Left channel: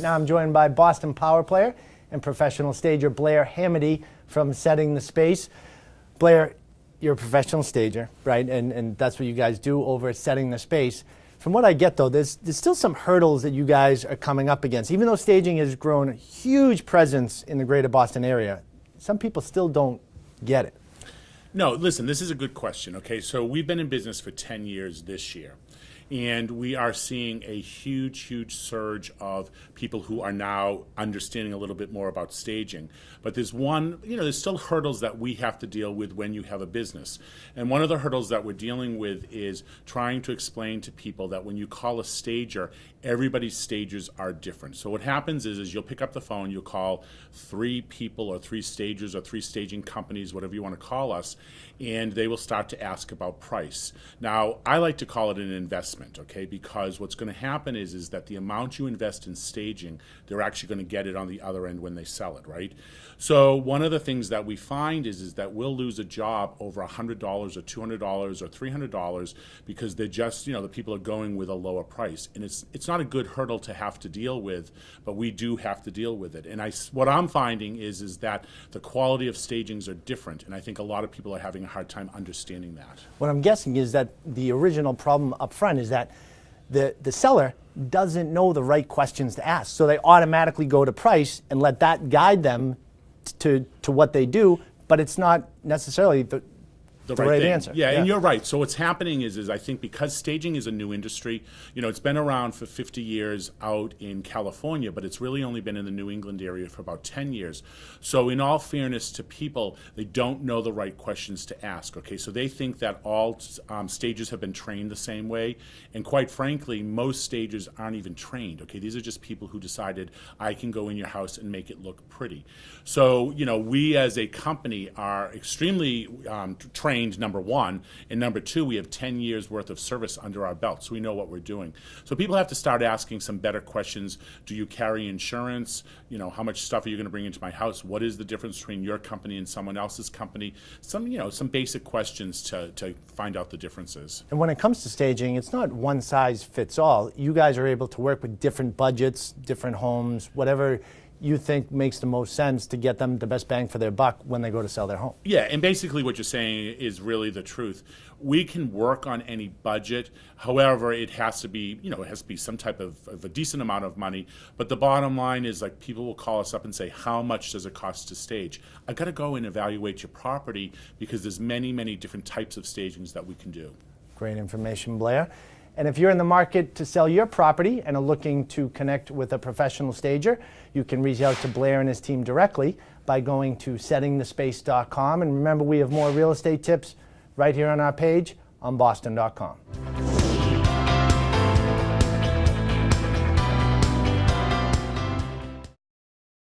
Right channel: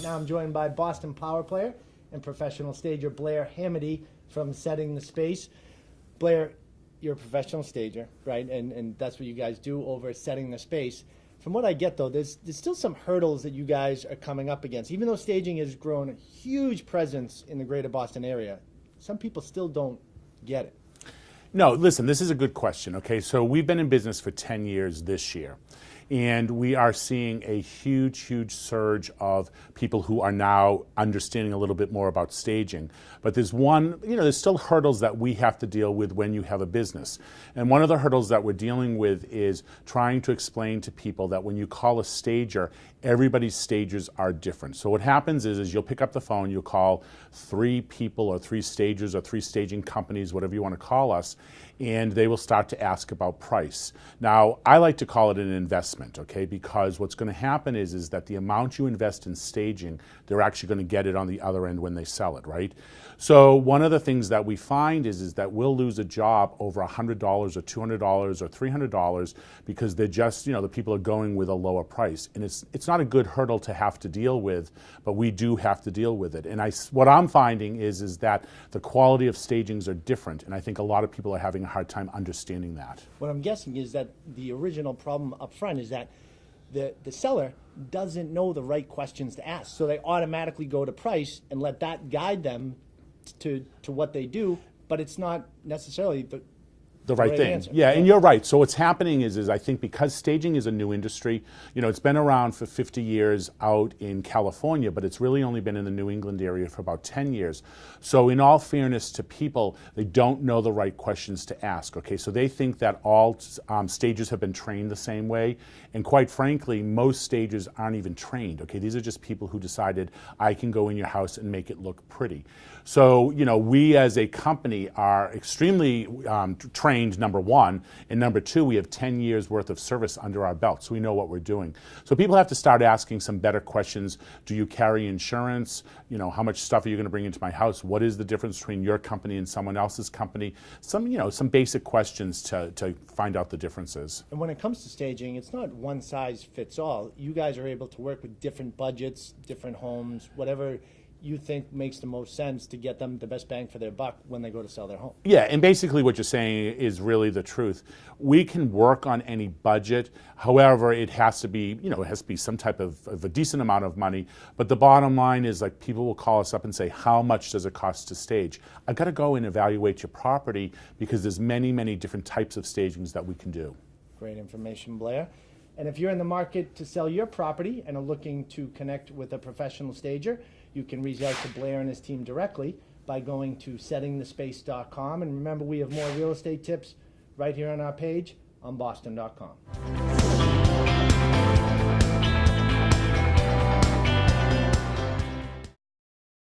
Right now I'm joined by Boston Power player and professional stager Blair Hamady from Setting the Space. Blair, you're a professional stager, right? And that's what you guys do over at Setting the Space. From what I get, though, there's still some hurdles that you guys are coming up against. Even though staging has grown a huge presence in the greater Boston area, some people still don't get it. No, listen, this is a good question, okay? So we've been in business for 10 years this year. And we are seeing a huge, huge surge of people who are now understanding a little bit more about staging. But there's there's still hurdles that we have to deal with when you have a business. And one of the hurdles that we're dealing with is trying to explain to people that when you call a stager, everybody's stagers are different. So what happens is you'll pick up the phone, you'll call 3 people or 3 stagers or 3 staging companies, whatever you want to call us, and they will start to ask about price. Now, I like to call it an investment, okay? Because what's going to happen is that the amount you invest in staging, they're actually going to get it on the other end when they sell it, right? So one of the things that we find is that we'll lose a job over $100 or $200 or $300 because they're just, the people are going with a lower price. And it's not a good hurdle to have to deal with, but we do have to deal with it. And what I'm finding is that the quality of stagings are different, and I think a lot of people are having a hard time understanding that. What I'm guessing is that the original problem up front is that the seller doesn't know the right questions to ask. So they automatically go to price and let that guide them to what they do, but it's not necessarily the right answer. Yeah, and you're right. So what's happening is I think because staging is a new industry, it's been around for 50 years out in California, but it's really only been in the New England area for about 10 years. So in all fairness to people, they don't know the right questions to ask, okay? So they think that all stagers have been trained the same way, and quite frankly, most stagers aren't even trained, okay? These are just people who decided, I can go in your house and make it look pretty. So, we as a company are extremely trained, number one, and number two, we have 10 years worth of service under our belt, so we know what we're doing. So people have to start asking some better questions. Do you carry insurance? How much stuff are you going to bring into my house? What is the difference between your company and someone else's company? Some basic questions to find out the differences. And when it comes to staging, it's not one size fits all. You guys are able to work with different budgets, different homes, whatever you think makes the most sense to get them the best bang for their buck when they go to sell their home. Yeah, and basically what you're saying is really the truth. We can work on any budget. However, it has to be, some type of a decent amount of money. But the bottom line is, like, people will call us up and say, how much does it cost to stage? I've got to go and evaluate your property because there's many, many different types of stagings that we can do. Great information, Blair. And if you're in the market to sell your property and are looking to connect with a professional stager, you can reach out to Blair and his team directly by going to settingthespace.com. And remember, we have more real estate tips right here on our page on boston.com.